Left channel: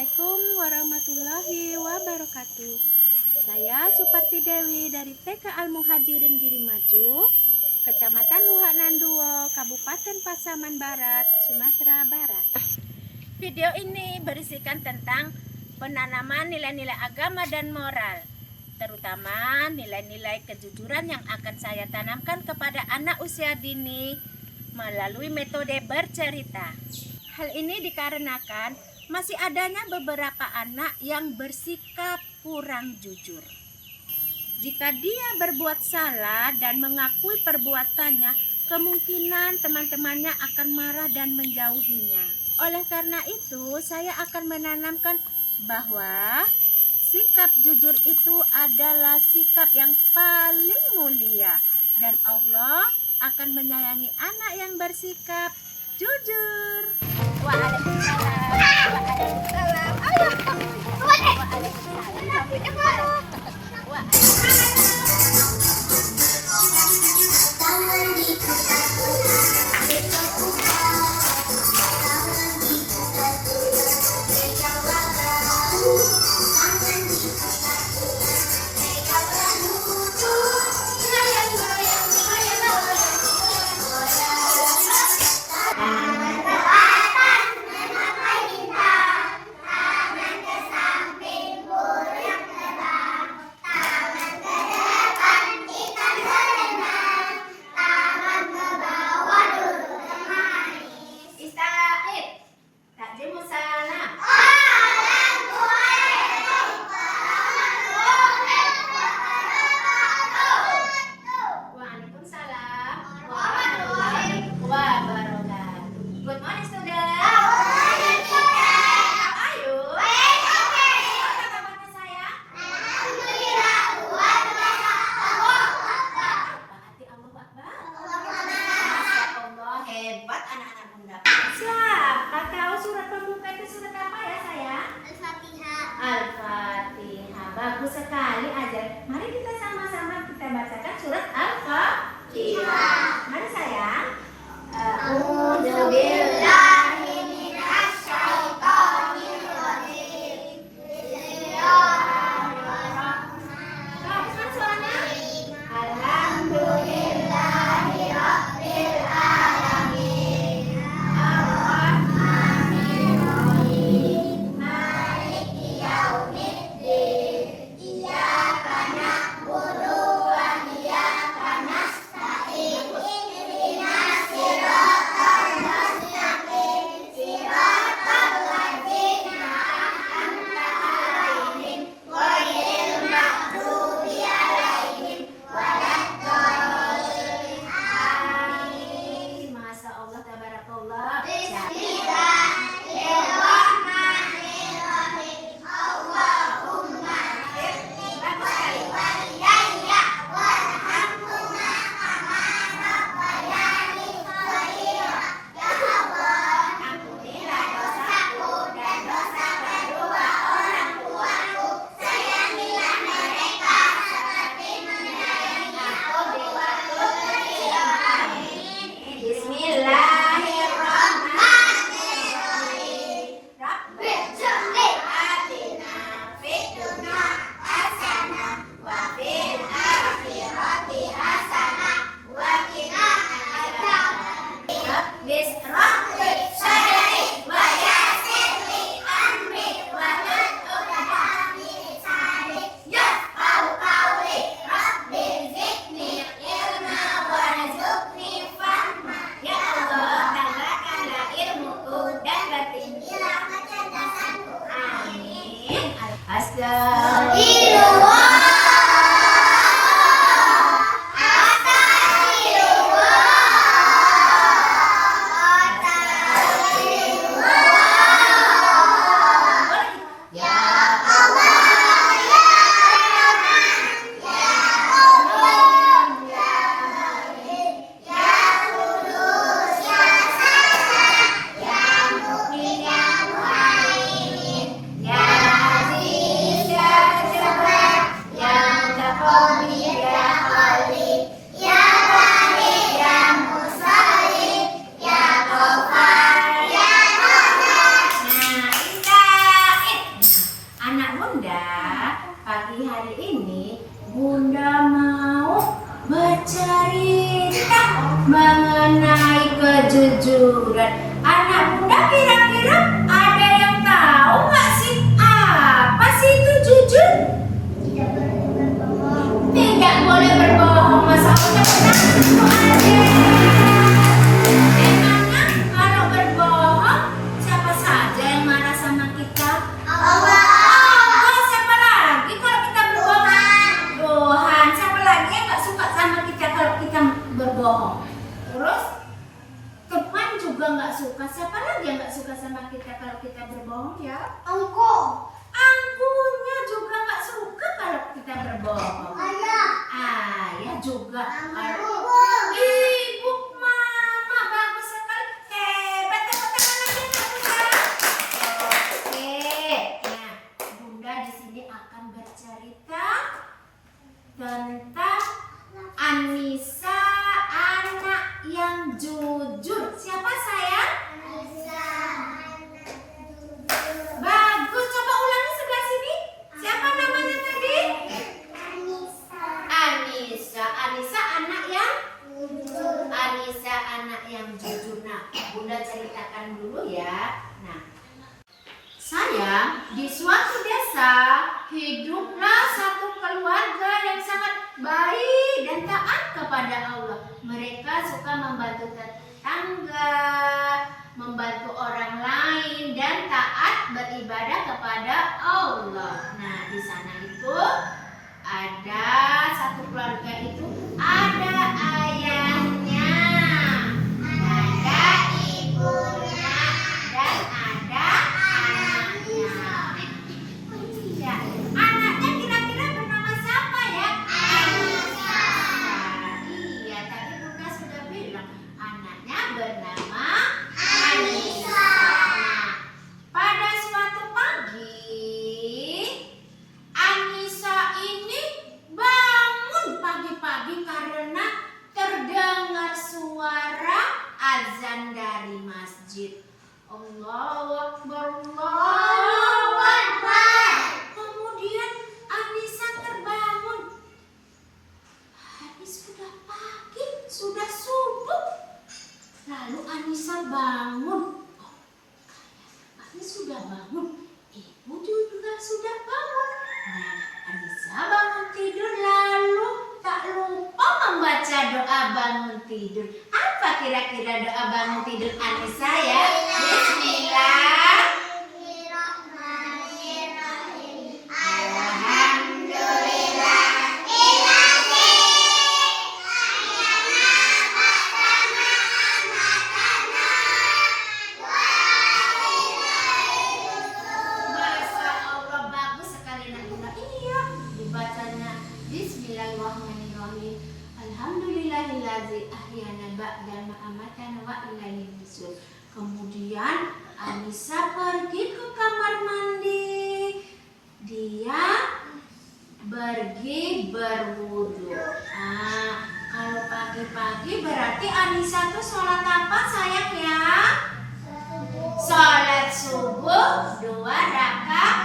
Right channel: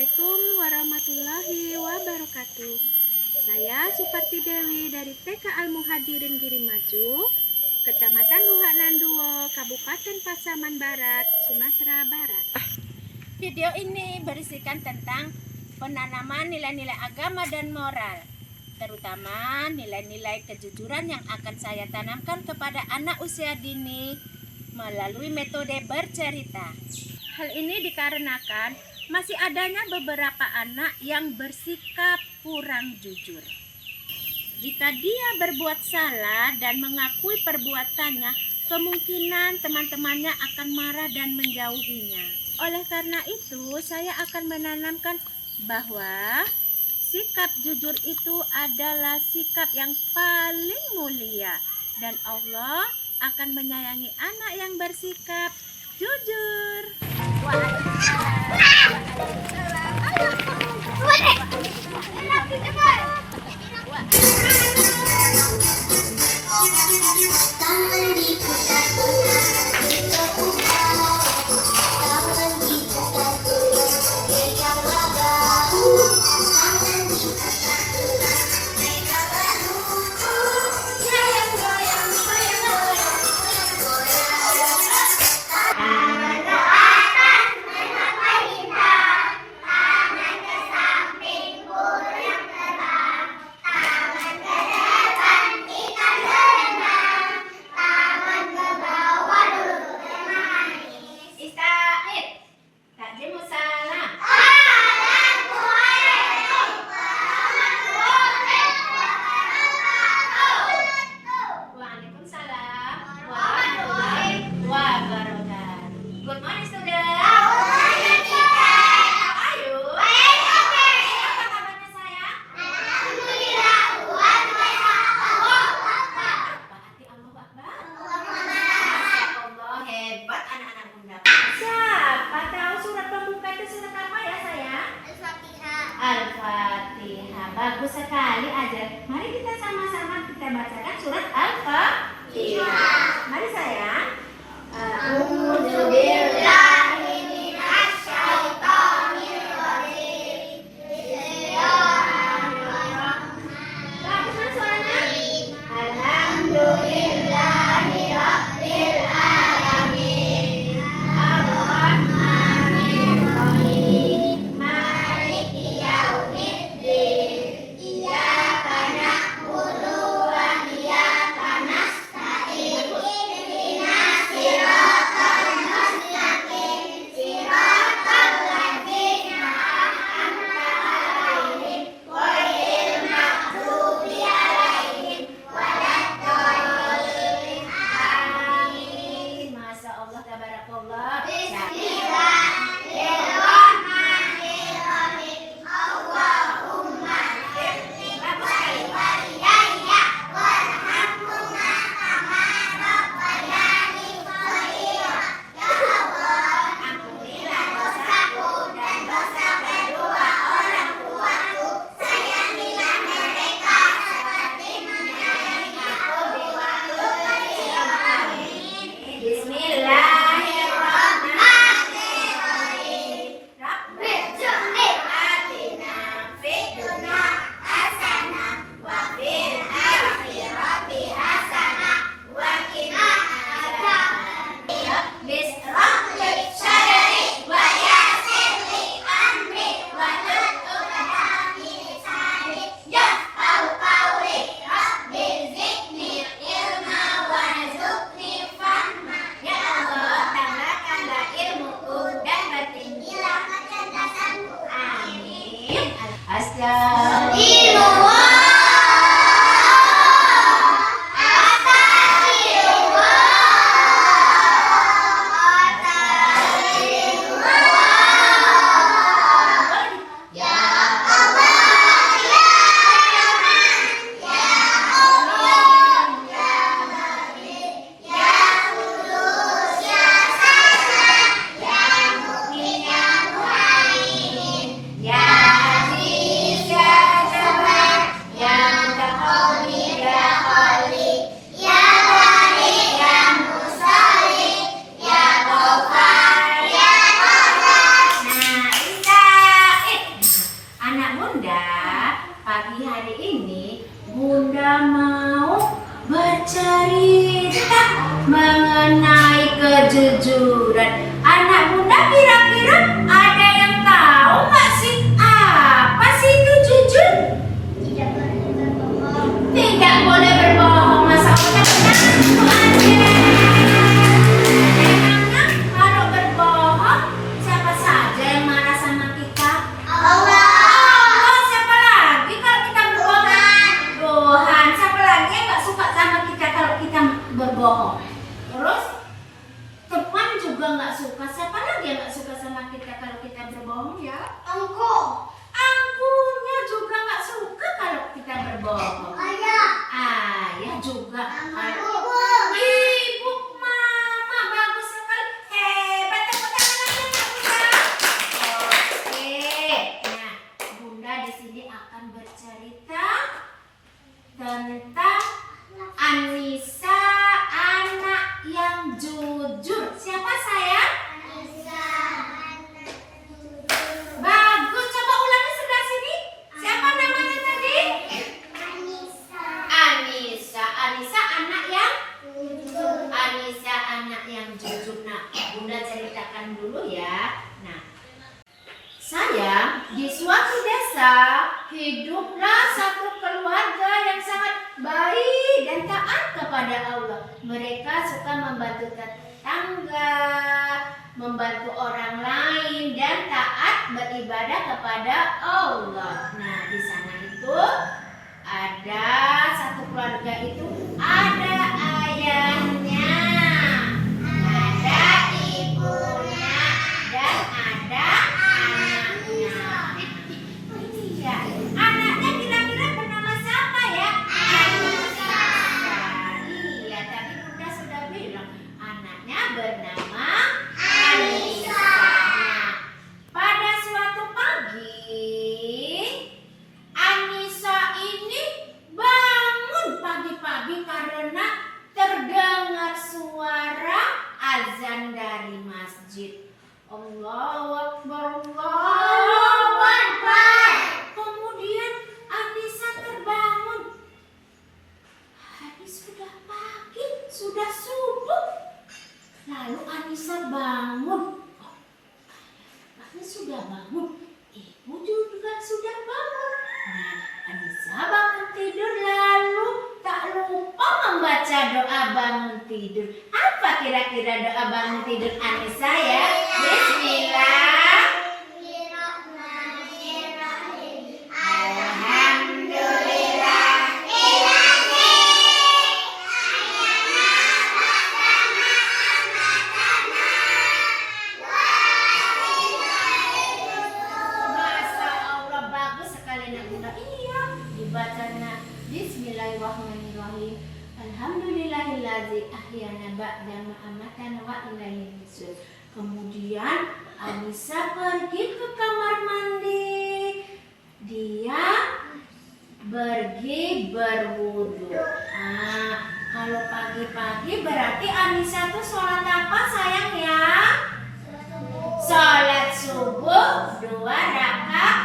Assalamualaikum warahmatullahi wabarakatuh. Saya Suparti Dewi dari TK Al-Muhajirin Girimaju, Kecamatan Luhak Nanduo, Kabupaten Pasaman Barat, Sumatera Barat. Video ini berisikan tentang penanaman nilai-nilai agama dan moral, terutama nilai-nilai kejujuran yang akan saya tanamkan kepada anak usia dini melalui metode bercerita. Hal ini dikarenakan masih adanya beberapa anak yang bersikap kurang jujur. Jika dia berbuat salah dan mengakui perbuatannya, kemungkinan teman-temannya akan marah dan menjauhinya. Oleh karena itu, saya akan menanamkan bahwa sikap jujur itu adalah sikap yang paling mulia, dan Allah akan menyayangi anak yang bersikap jujur. Waalaikumsalam. mengenai kejujuran. Anak bunda kira-kira ada yang tahu nggak sih apa sih itu jujur? Tidak boleh berbohong. Masa ucapnya itu ada. Emangnya kalau berbohong siapa saja yang marah sama kita? Allah. Siapa lagi kalau kita berbohong? Tuhan. Siapa lagi yang nggak suka sama kita kalau kita berbohong? Terus teman juga nggak suka. Siapa lagi yang nggak suka sama kita kalau kita berbohong ya? Angkunya juga nggak suka kalau kita berbohong. Ayah juga. Ibu, mama, bagus sekali. Hebat, tepuk tangan lagi anak bunda. Oke, nah bunda di sini akan bercerita tentang Anissa, anak yang jujur. Siapa sayang? Bagus, coba ulangi sebelah sini. Siapa namanya tadi? Anissa anak yang jujur. Anissa anak yang jujur. Nah, bunda ceritakan dulu ya. Nah, sayang, di suatu desa hiduplah satu keluarga yang sangat baik dan taat kepada Allah. Mereka suka membantu tetangga, membantu orang lain dan taat beribadah kepada Allah. Nah, di sana itu ada satu keluarga itu ada ayahnya, ada ibunya, dan ada anaknya. Iya, anaknya kira-kira bernama siapa ya? Anissa. Iya, tadi bunda sudah bilang anaknya bernama Anissa. Nah, pada suatu pagi Anissa ini bangun pagi-pagi karena terdengar suara azan dari masjid. Allahu Akbar, Allahu Akbar. Kemudian Anissa terbangun. Hari sudah pagi, sudah subuh. Lalu Anissa bangun. Oh, kayaknya sudah bangun. Ibu juga sudah bangun. Nah, Anissa bangun tidur lalu tak lupa membaca doa bangun tidur. Apa kira-kira doa bangun tidur Anissa ya? Bismillah. Alhamdulillah. Masya Allah, bagus sekali nak bunda. Iya, dibacanya Bismillahirrahmanirrahim. Alhamdulillahillazi ahyana ba'da ma amatana wa ilaihi nusyur. Kemudian Anissa pergi ke kamar mandi. Dia pergi berwudu. Kalau pagi-pagi berarti Anissa tuh sholat apa sayang ya? Sholat subuh 2 rakaat.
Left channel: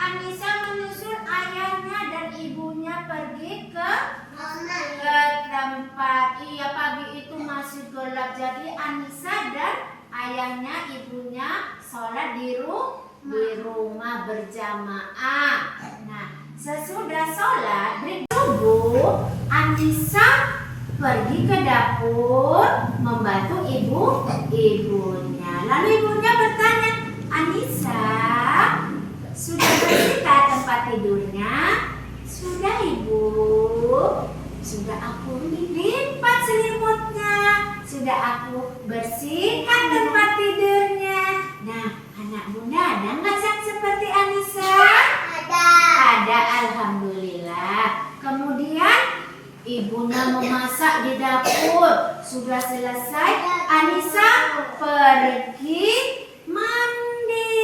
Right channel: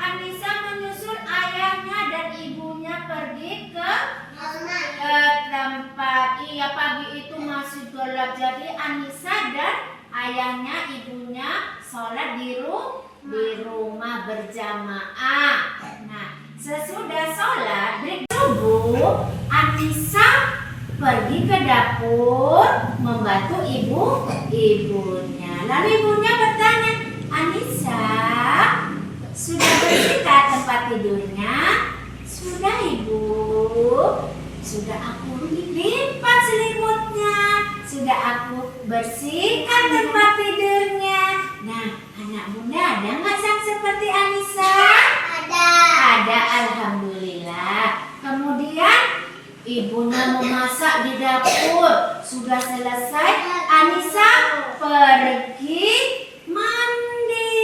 Anissa menyusul ayahnya dan ibunya pergi ke tempat. Iya, pagi itu masih gelap. Jadi Anissa dan ayahnya, ibunya sholat di rumah berjamaah. Nah, sesudah sholat break subuh, Anissa pergi ke dapur membantu ibunya. Lalu ibunya bertanya, Anissa, sudah bersihkah tempat tidurnya? Sudah ibu. Sudah aku lipat selimutnya. Sudah aku bersihkan tempat tidurnya. Nah, anak bunda ada nggak yang seperti Anissa? Ada, alhamdulillah. Kemudian ibunya memasak di dapur. Sudah selesai, Anissa pergi mandi,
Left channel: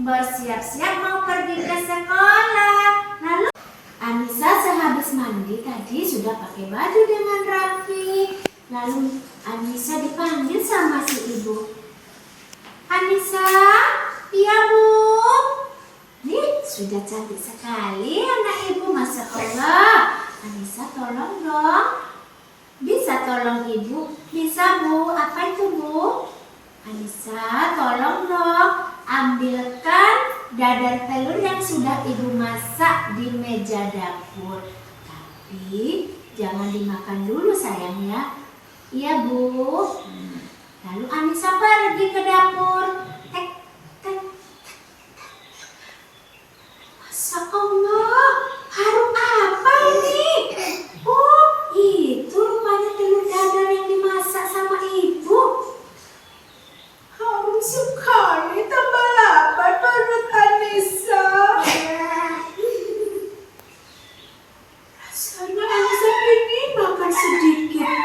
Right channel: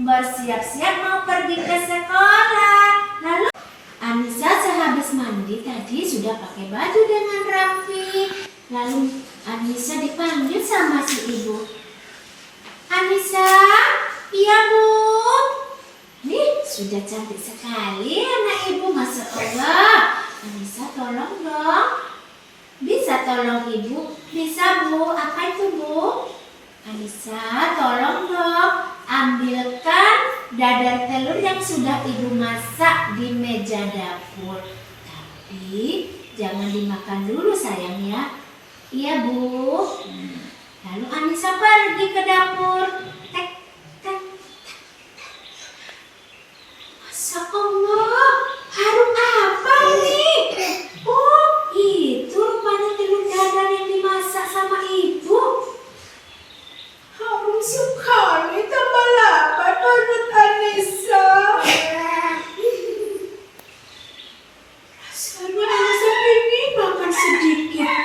bersiap-siap mau pergi ke sekolah. Lalu Anissa sehabis mandi tadi sudah pakai baju dengan rapi. Lalu Anissa dipanggil sama si ibu. Anissa, iya bu. Nih sudah cantik sekali anak ibu, masya Allah. Anissa tolong dong, bisa tolong ibu? Bisa Bu, apa itu Bu? Anissa, tolong dong ambilkan dadar telur yang sudah ibu masak di meja dapur. Tapi jangan dimakan dulu sayang ya. Iya Bu. Lalu Anissa pergi ke dapur. Tek, tek. Masya Allah, harum apa ini? Oh, itu rupanya telur dadar yang dimasak sama ibu. Harum sekali, tambah lapar perut Anissa. Rasanya Anissa ingin makan sedikit.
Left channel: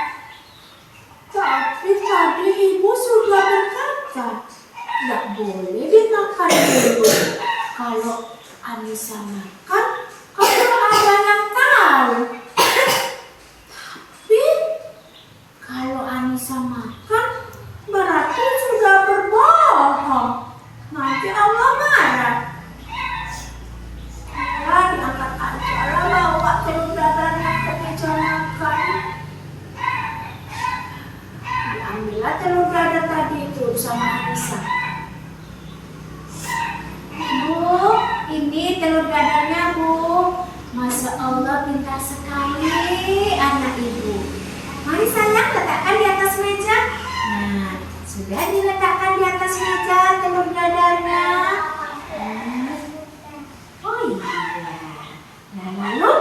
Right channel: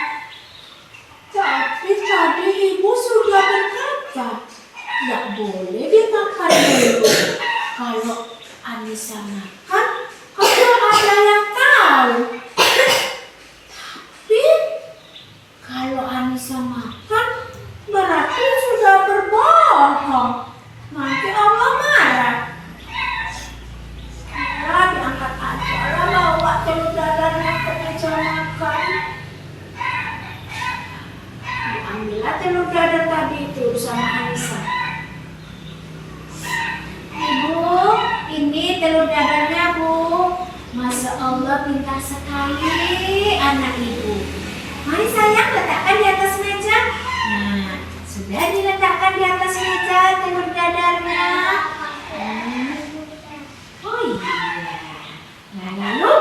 Tapi tadi ibu sudah berkata, tidak boleh dimakan dulu. Kalau Anissa makan, kalau ada yang tahu. Tapi kalau Anissa makan, berarti sudah berbohong. Nanti Allah marah. Ya, diangkat aja lah bawa telur dadarnya ke meja makan. Diambillah telur dadar tadi itu sama Anissa. Ibu, ini telur dadarnya Bu. Masya Allah, pintar sekali anak ibu. Mari sayang, letakkan di atas meja. Nah, sudah diletakkan di atas meja telur dadarnya. Oh iya. Nah, lalu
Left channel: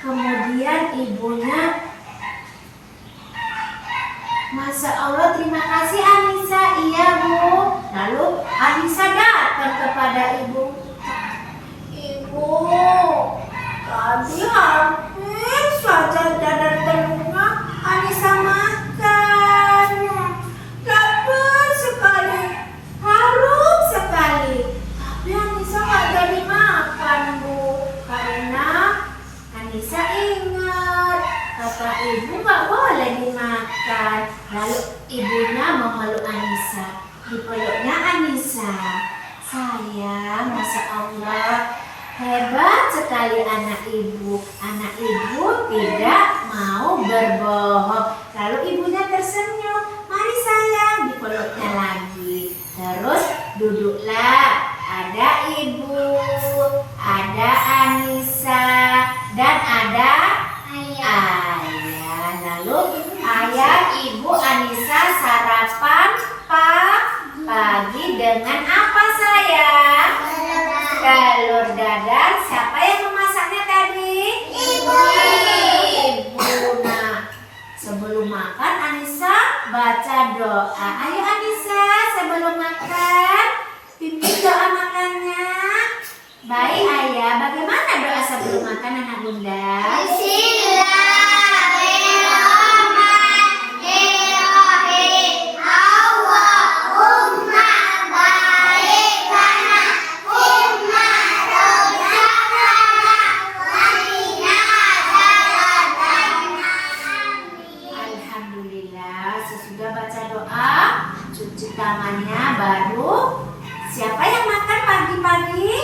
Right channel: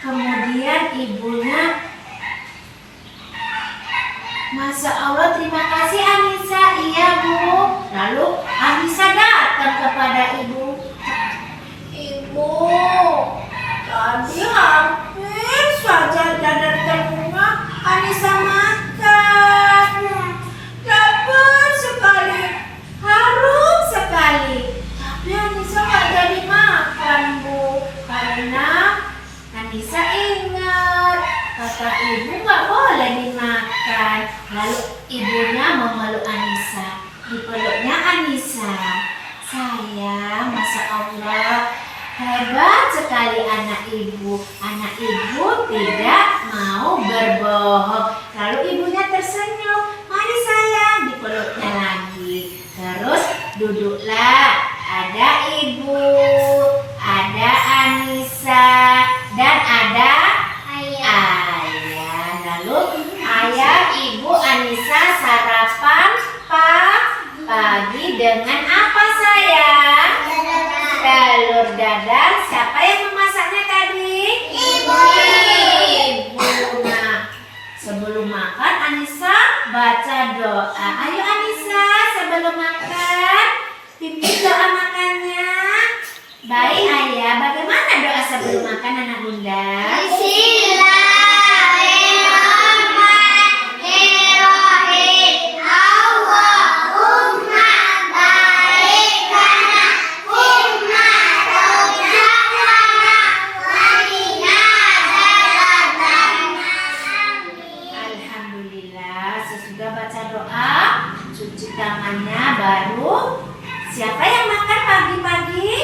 kemudian ibunya, Masya Allah, terima kasih Anissa. Iya Bu. Lalu Anissa datang kepada ibu. Ibu, tadi hampir saja dadar telurnya Anissa makan. Lapar sekali, harum sekali. Tapi Anissa nggak jadi makan Bu, Karena Anissa ingat kata ibu nggak boleh dimakan. Lalu ibunya memeluk Anissa, dipeluknya Anissa. Sayang, Masya Allah, hebat sekali anak ibu. Anak ibu tidak mau berbohong. Lalu ibunya tersenyum. Mari sayang, dipeluknya lagi. Terus duduklah. Ada ibu, ada Anissa, dan ada ayah. Lalu ayah, ibu, Anissa sarapan pagi dengan apa sayang? Telur dadar. Siapa yang memasaknya tadi? Ibu. Nah, sebelum makan Anissa baca doa. Ayo Anissa, sebelum makan pimpin doa makannya. Baik ayah, bagaimana doa sebelum makan anak bunda? Bismillahirrahmanirrahim. Allahumma barik lana fimma razaqtana wa qina adzabannar. Alhamdulillah, sesudah baca doa, cuci tangannya baru. Siapa yang makan pagi-pagi?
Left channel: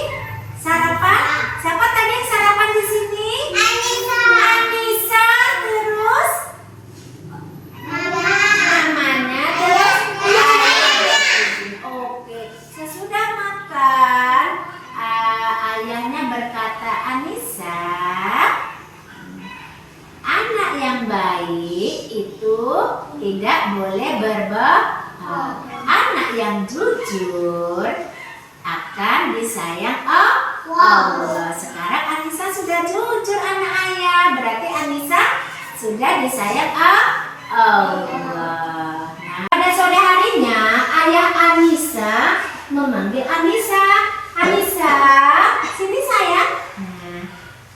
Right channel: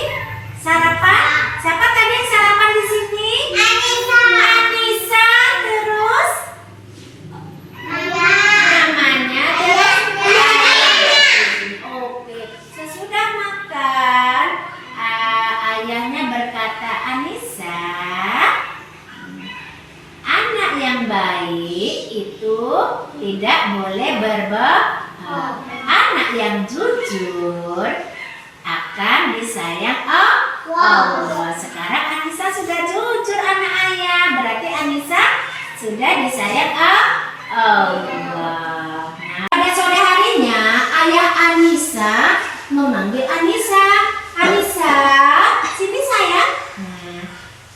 Sarapan? Siapa tadi yang sarapan di sini? Anissa. Terus namanya terus Oke. Sesudah makan, ayahnya berkata, Anissa, anak yang baik itu tidak boleh berbohong. Anak yang jujur akan disayang Allah. Sekarang Anissa sudah jujur anak ayah, berarti Anissa sudah disayang Allah. Nah, pada sore harinya ayah Anissa memanggil Anissa. Anissa, sini sayang. Nah,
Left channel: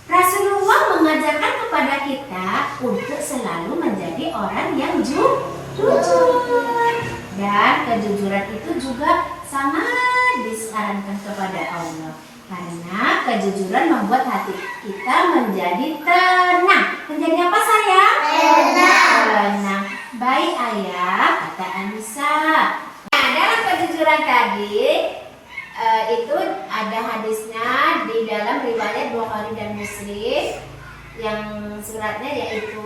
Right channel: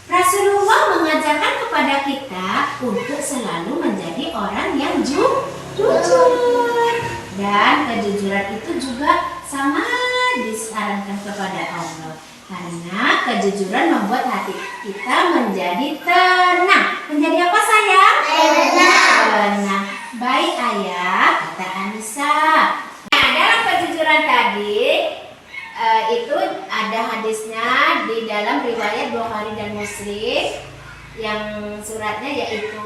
Rasulullah mengajarkan kepada kita untuk selalu menjadi orang yang jujur. Dan kejujuran itu juga sangat disarankan kepada Allah. Karena kejujuran membuat hati kita menjadi tenang. Menjadi apa sayang? Tenang. Baik ayah, kata Anissa. Nah, dalam kejujuran tadi itu ada hadisnya di dalam riwayat Bukhari dan Muslim yang suratnya yaitu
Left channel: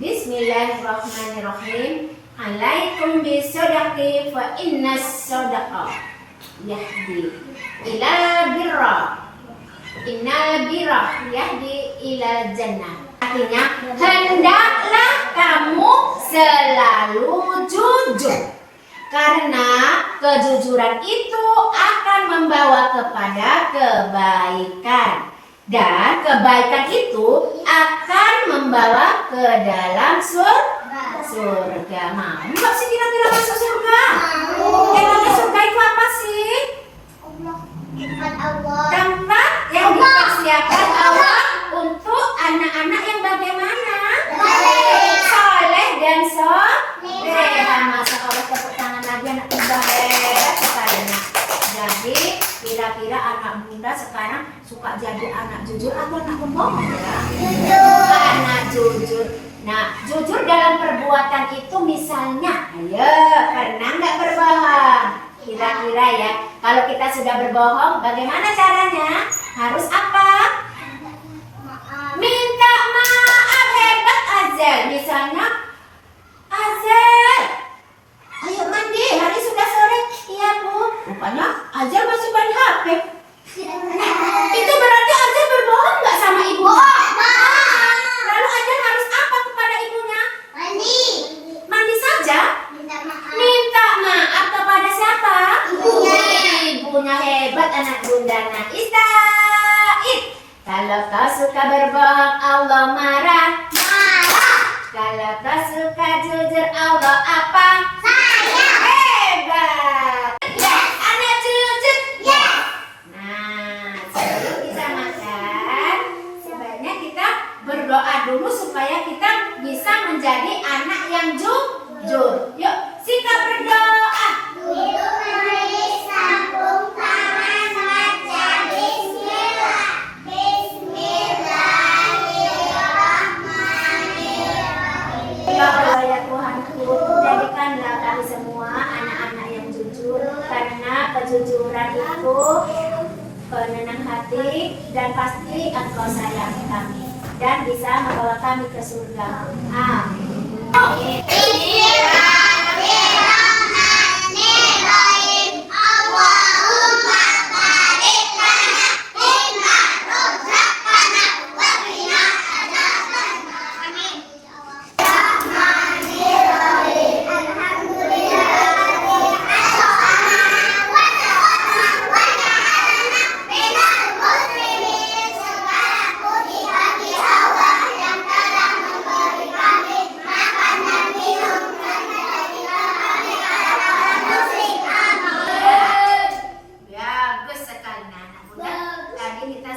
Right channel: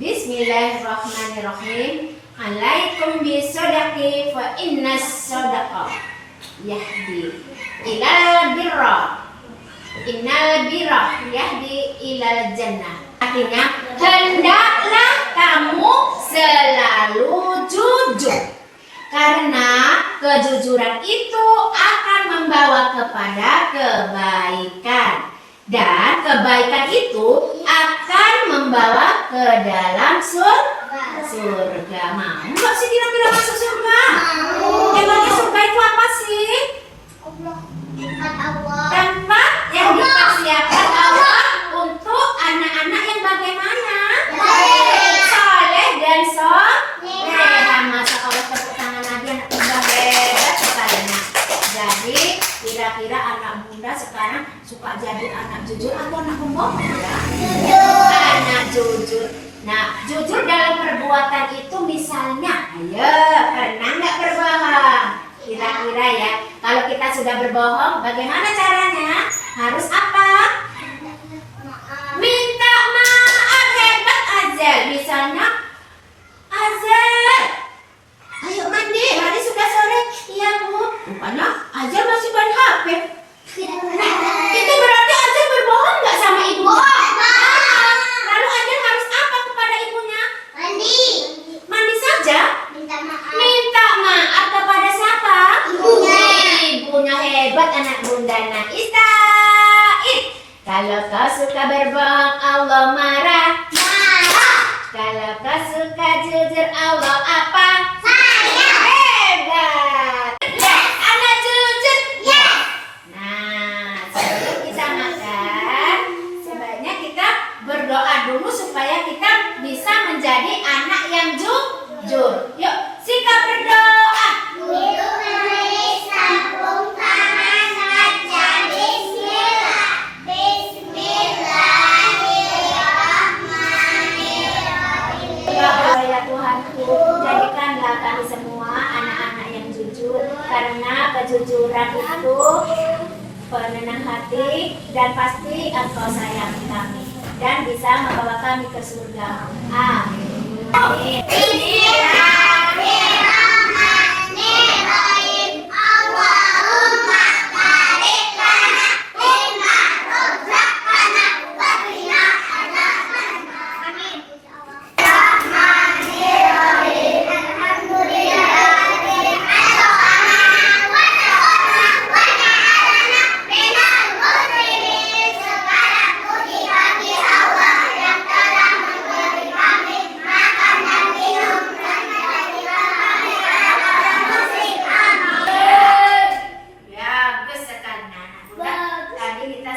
Bismillahirrahmanirrahim. Alaikum bisodaqi fa innas sodaqa yahdi ilal birra. Innal birra yahdi ilal jannah. Artinya, hendaklah kamu selalu jujur, karena kejujuran itu akan membawa kepada kebaikan, dan kebaikan itu akan membawa ke dalam surga. Mau nggak sih kira-kira masuk surga? Emangnya surga itu apa sih? Tempat yang dipersiapkan Allah untuk anak-anak yang bagaimana? Saleh dan soleh. Masya Allah, tepuk tangan lagi, anak bunda hebat sekali. Jadi kira-kira anak bunda sekarang suka jadi anak jujur atau anak pembohong? Anak jujur. Nah, jujur dalam perbuatan itu misalnya, ayo, pernah nggak berbohong? Kira-kira ya, kalau kita sudah berbohong, bagaimana caranya? Harus apa? Minta maaf. Hebat Azel. Misalnya, Azel, ayo mandi, hari sudah sore. Iya Bu. Rupanya Azel masih main HP. Itu berarti Azel berbohong nggak sama ibunya? Lalu Azel harus apa kepada ibunya? Mandi saja? Minta maaf kepada siapa? Ibunya. Hebat anak bunda. Nah, Istaid, kalau kau suka berbohong, Allah marah. Kalau kau suka jujur, Allah apa? Hebat. Yes, anak jujur. Yes. Nah, sebelum kita makan, sebaiknya kita berdoa dulu supaya kita bisa menjadi anak yang jujur. Yuk, sikap berdoa. Ya Allah ya Tuhanku, jadikanlah kami semua anak-anak yang jujur, karena kejujuran itu penenang hati dan pasti Engkau sayangi kami dan bisa membawa kami ke surga. Amin.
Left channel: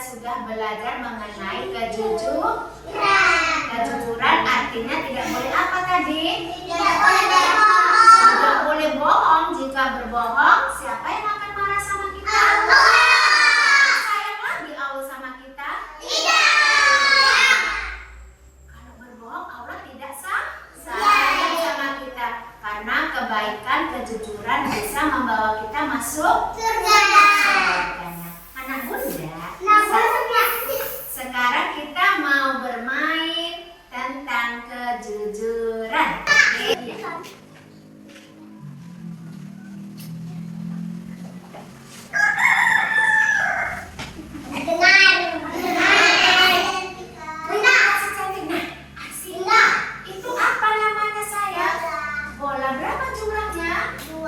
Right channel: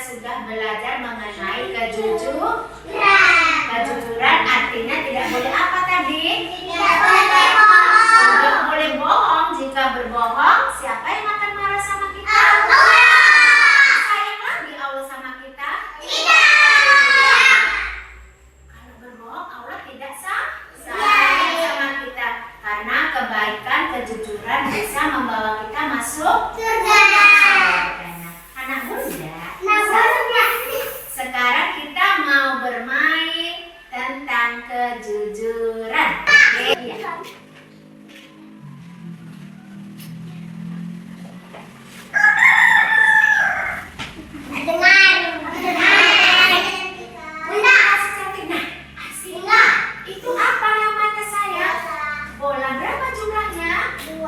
Sudah belajar mengenai kejujuran. Kejujuran artinya tidak boleh apa tadi? Tidak boleh bohong. Jika berbohong, siapa yang akan marah sama kita? Sayang lagi Allah sama kita? Tidak. Kalau berbohong, Allah tidak sayang sama kita, karena kebaikan kejujuran bisa membawa kita masuk surga. Anak bunda, sekarang kita mau bermain tentang kejujuran. Iya. Bunda, cantik. Nah, Arsila, itu apa namanya sayang? Bola berapa jumlahnya? 2.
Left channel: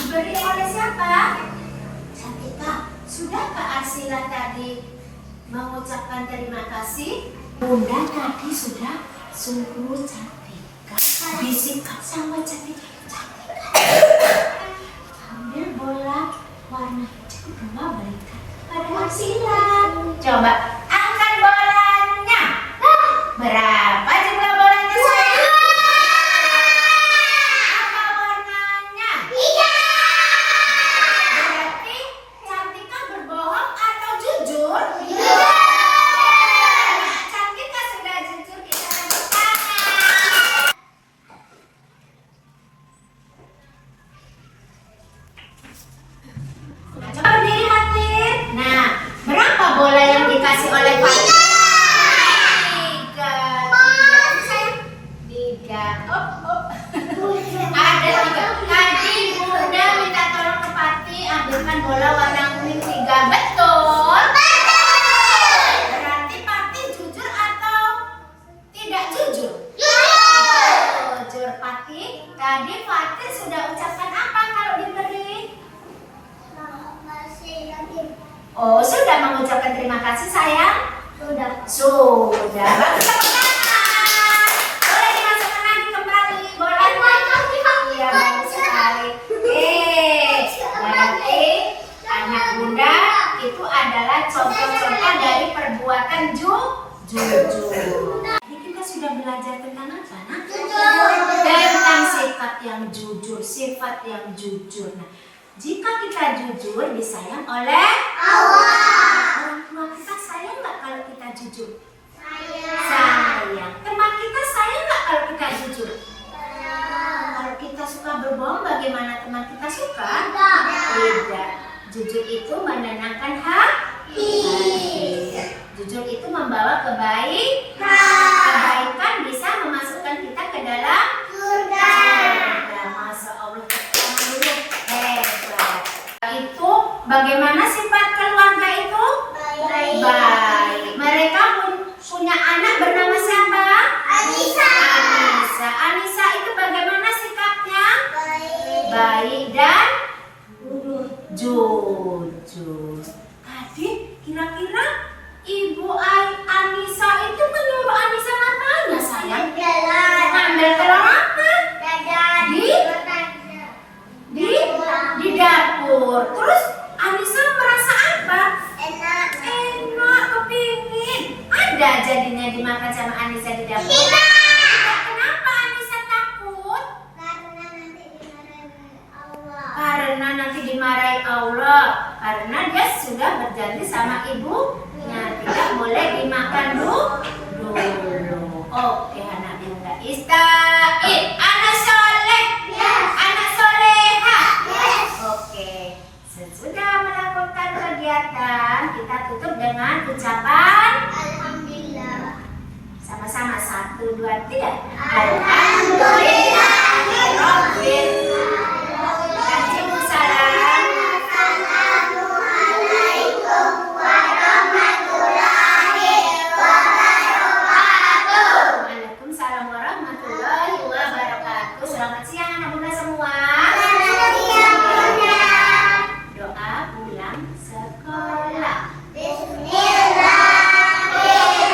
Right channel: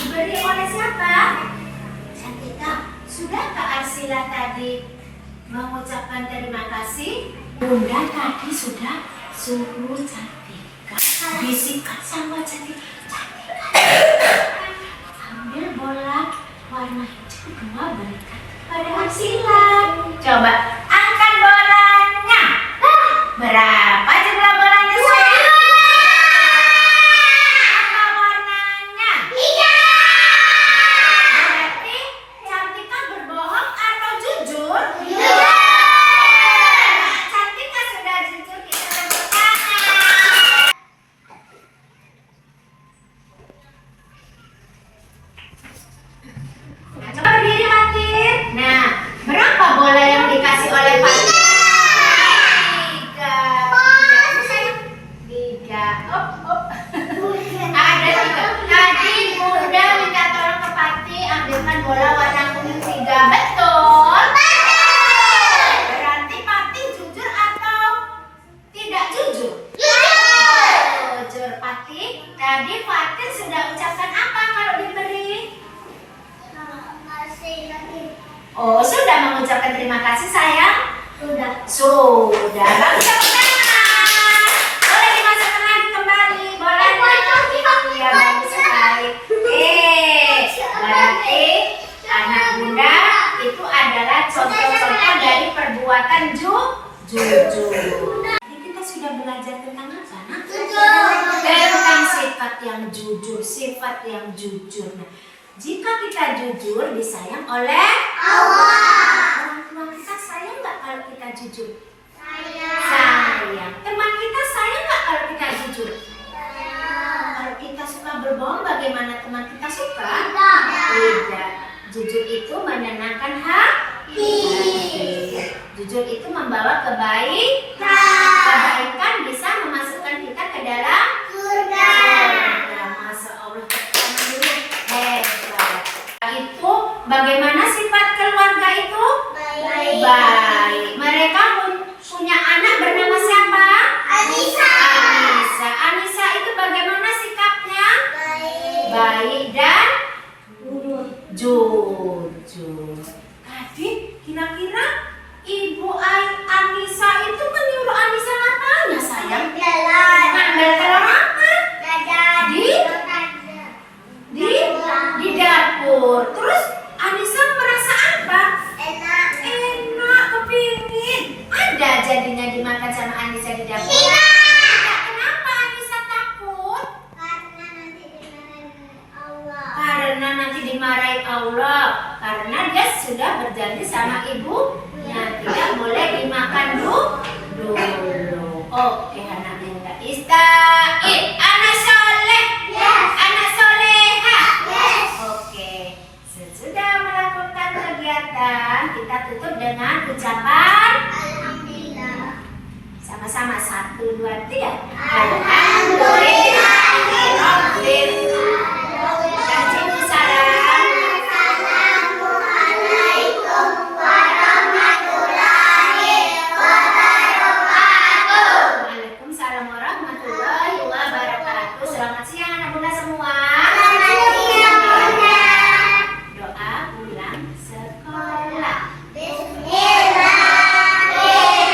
Diberi oleh siapa? Cantika. Sudahkah Arsila tadi mengucapkan terima kasih? Bunda tadi sudah suruh Cantika bisikan sama Cantika. Ambil bola warna hijau 2 berikan pada Arsila. Coba angkat bolanya. Berapa jumlah bolanya sayang? Apa warnanya? Berarti Cantika berbohong atau jujur? Cantika sudah jujur, kita tepuk tangan. Coba berdiri Fatir. Nah, berapa bola yang dikasih Tadi Fatin sudah ucapkan apa kalau diberi? Masih lagi. Oh, sudah mengucapkan terima kasih sayang? Sudah. Sudah. Lalu tepuk tangan. Boleh dimasukkan lagi kembali. Boleh. Iya, bagus sekali. Berarti anak bunda itu adalah contoh-contoh dari perbuatan jujur. Jadi kita sudah belajar tentang apa, nak? Tentang sifat yang jujur, sifat yang jujur. Nah, jika kita jujur disayang oleh Allah. Orang tua kita sayang nggak kalau kita jujur? Sayang. Teman kita sayang nggak kalau kita jujur? Kalau kita suka berbohong, bagaimana teman kita suka? Tidak. Jujur itu menenangkan hati. Jujur itu membawa kebaikan bisa memasukkan kita ke dalam surga. Masya Allah, tangan dulu. Hebat. Itu bagaimana sifat keluarga itu? Baik. Mereka punya anak bernama siapa? Anissa. Anissa itu bagaimana sikapnya? Baik dan jujur. Tadi kira-kira Ibu Anissa itu menyuruh Anissa ngapain ya sayang? Ngambil telur apa? Di dapur. Terus Anissa merasa apa? Enak. Enak, kepingin. Ada jadinya dimakan sama Anissa di dapur? Tidak. Kenapa Anissa takut? Karena nanti dimarahin Allah. Karena dia sudah berjanji sama ibunya tidak boleh dimakan dulu. Oke, anak bunda. Ista'id, anak soleh, anak soleha. Oke, sesudah melakukan kegiatan kita tutup dengan ucapan Alhamdulillah. sama-sama 1, 2, 3. Alhamdulillah. Assalamualaikum warahmatullahi wabarakatuh. Waalaikumsalam warahmatullahi wabarakatuh. Selamat siang anak bunda semua. Selamat siang, Bunda. Doa pulang sekolah. Bismillahirrahmanirrahim.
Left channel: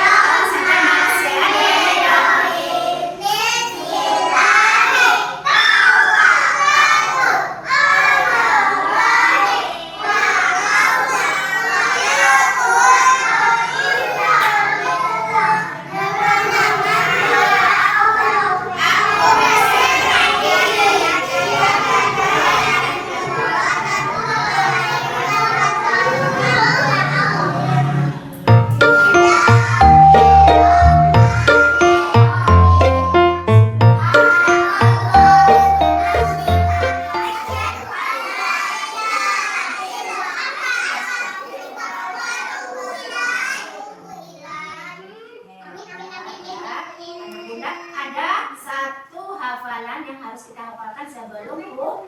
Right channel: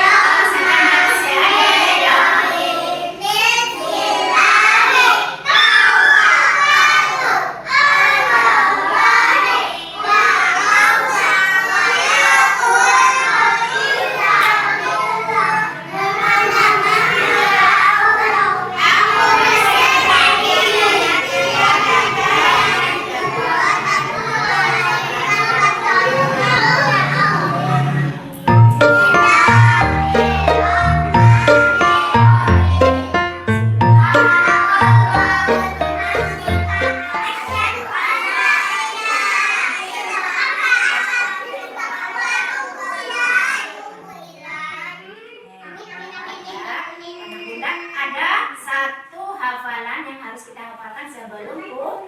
Anak bunda, ada satu hafalan yang harus kita hafalkan sebelum pulang.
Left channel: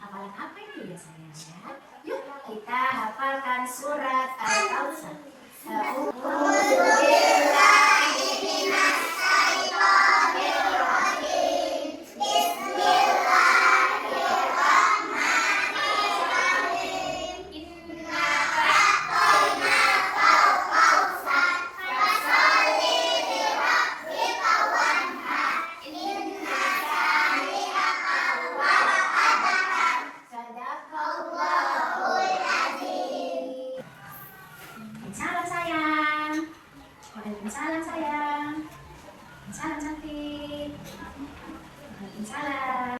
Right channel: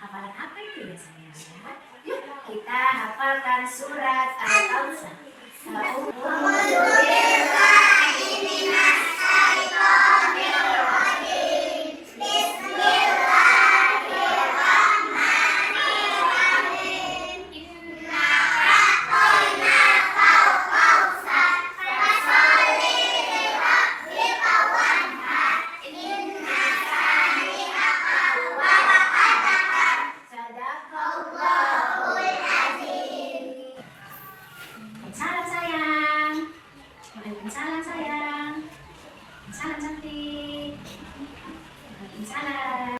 Hafalan apa itu ya sayang? Yuk kita hafalkan surat Al-Kausar.